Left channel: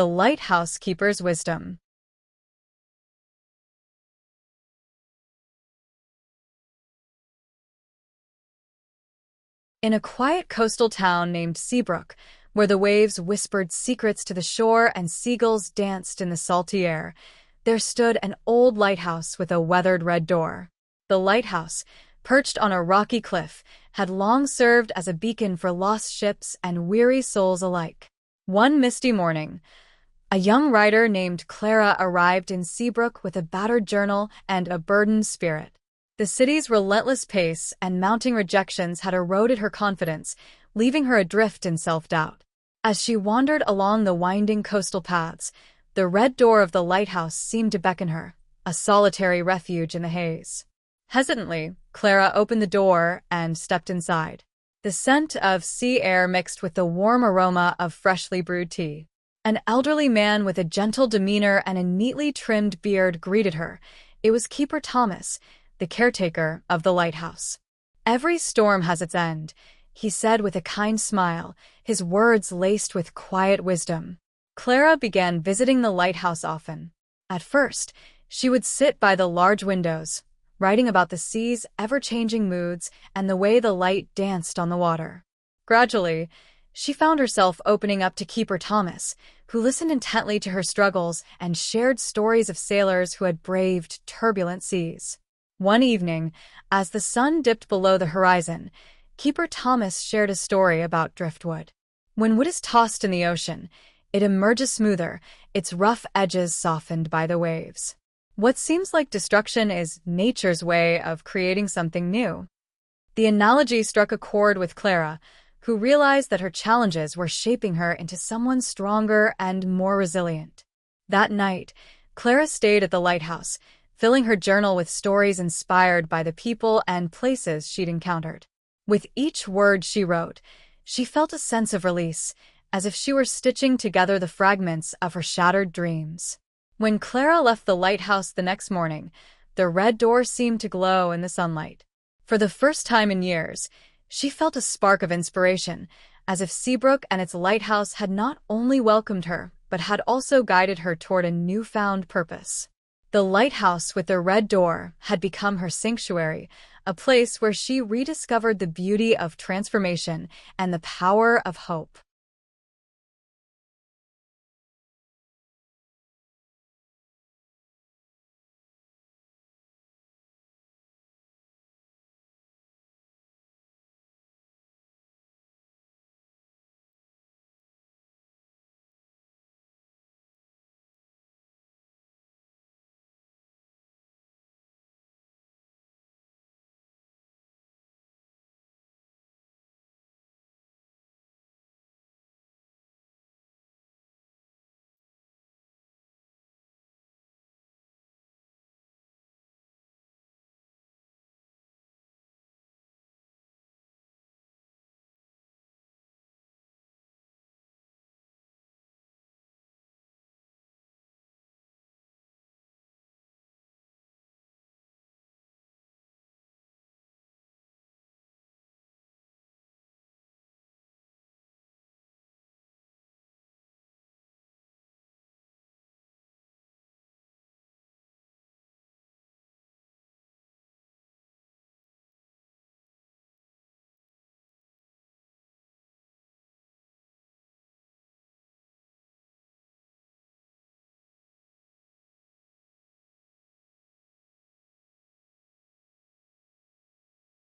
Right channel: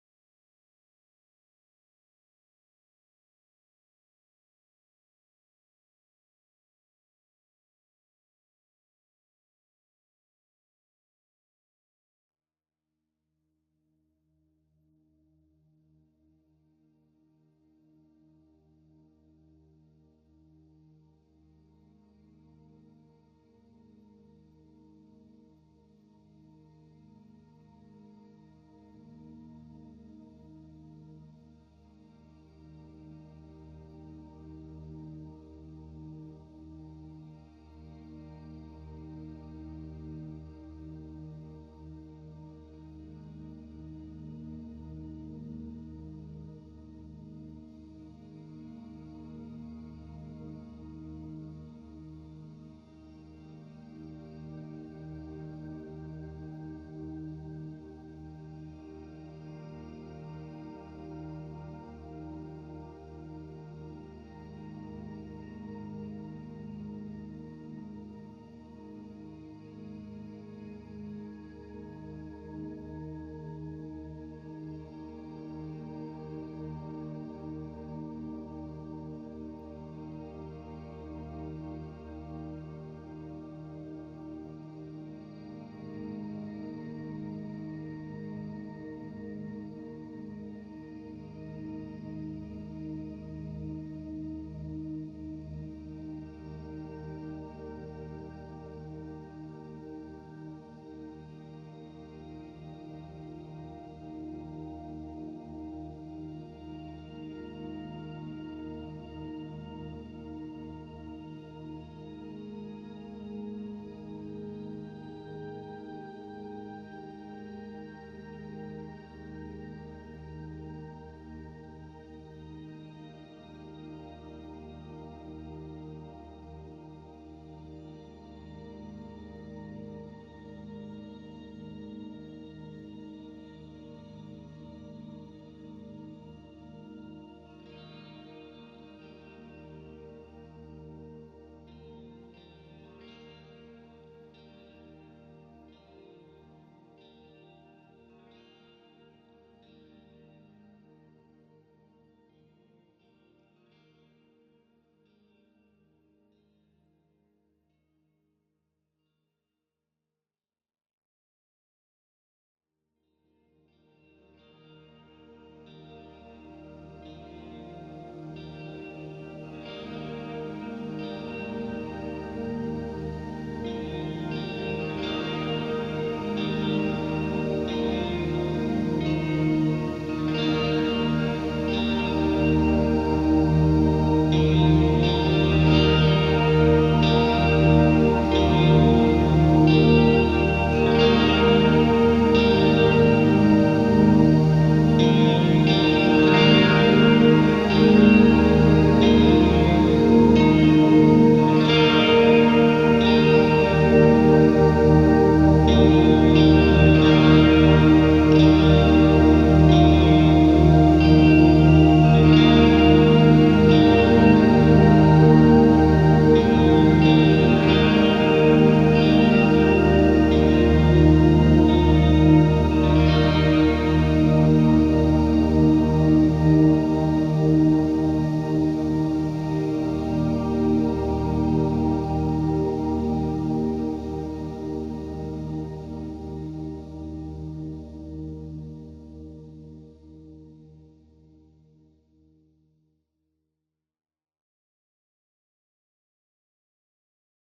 The Lighthouse Keeper's Wisdom. In a quiet coastal town named Seabrook, where the waves whispered secrets to the shore and seagulls danced in the salty air, there stood an old lighthouse with a weathered red door. The lighthouse, perched on a rocky cliff, had long served as a beacon for lost ships and weary souls alike. One misty morning, a young writer named Clara arrived in Seabrook with a battered journal and a burdened spirit. The city's relentless pace and mounting rejections had eroded her confidence, leaving her adrift in self-doubt. As she wandered along the winding coastal paths, the red door of the lighthouse seemed to beckon her, a solitary refuge in the haze. Hesitantly, Clara opened the door and stepped inside. The scent of sea air mixed with the warm aroma of freshly brewed tea. An elderly man with a gentle demeanor and a neatly trimmed beard greeted her. It was Keeper Thomas, the caretaker of the lighthouse. "Every storm has its end," he said with a kind smile, his words laced with quiet wisdom. Clara began visiting the lighthouse often. At first, she would sit by the large windows, writing about the sea's ever-changing moods and the way the light danced on the water. Gradually, she found herself opening up to Keeper Thomas, who listened intently to her struggles and shared stories of sailors who had braved turbulent seas. One evening, as the sun dipped below the horizon, Keeper Thomas shared a story about driftwood. When wood is tossed in the ocean, it emerges smoother, its rough edges softened by the waves. What seems like destruction is nature's way of creating something new. The analogy struck a chord with Clara, who realized that her challenges were shaping her into someone stronger and more resilient. That night, Clara stayed at the lighthouse, filling her journal with stories inspired by the people and places she'd encountered. With each word she wrote, she felt a sense of release, as if she were stitching together the fragments of her shattered dreams. When Clara left the lighthouse the next morning, the red door seemed to glow in the sunlight. For the first time in years, she felt a spark of inspiration, as if Seabrook and its lighthouse had not only welcomed her, but had also guided her toward a newfound purpose. The lighthouse with the red door had become her sanctuary, a place where she rediscovered the beauty of transformation and the power of hope.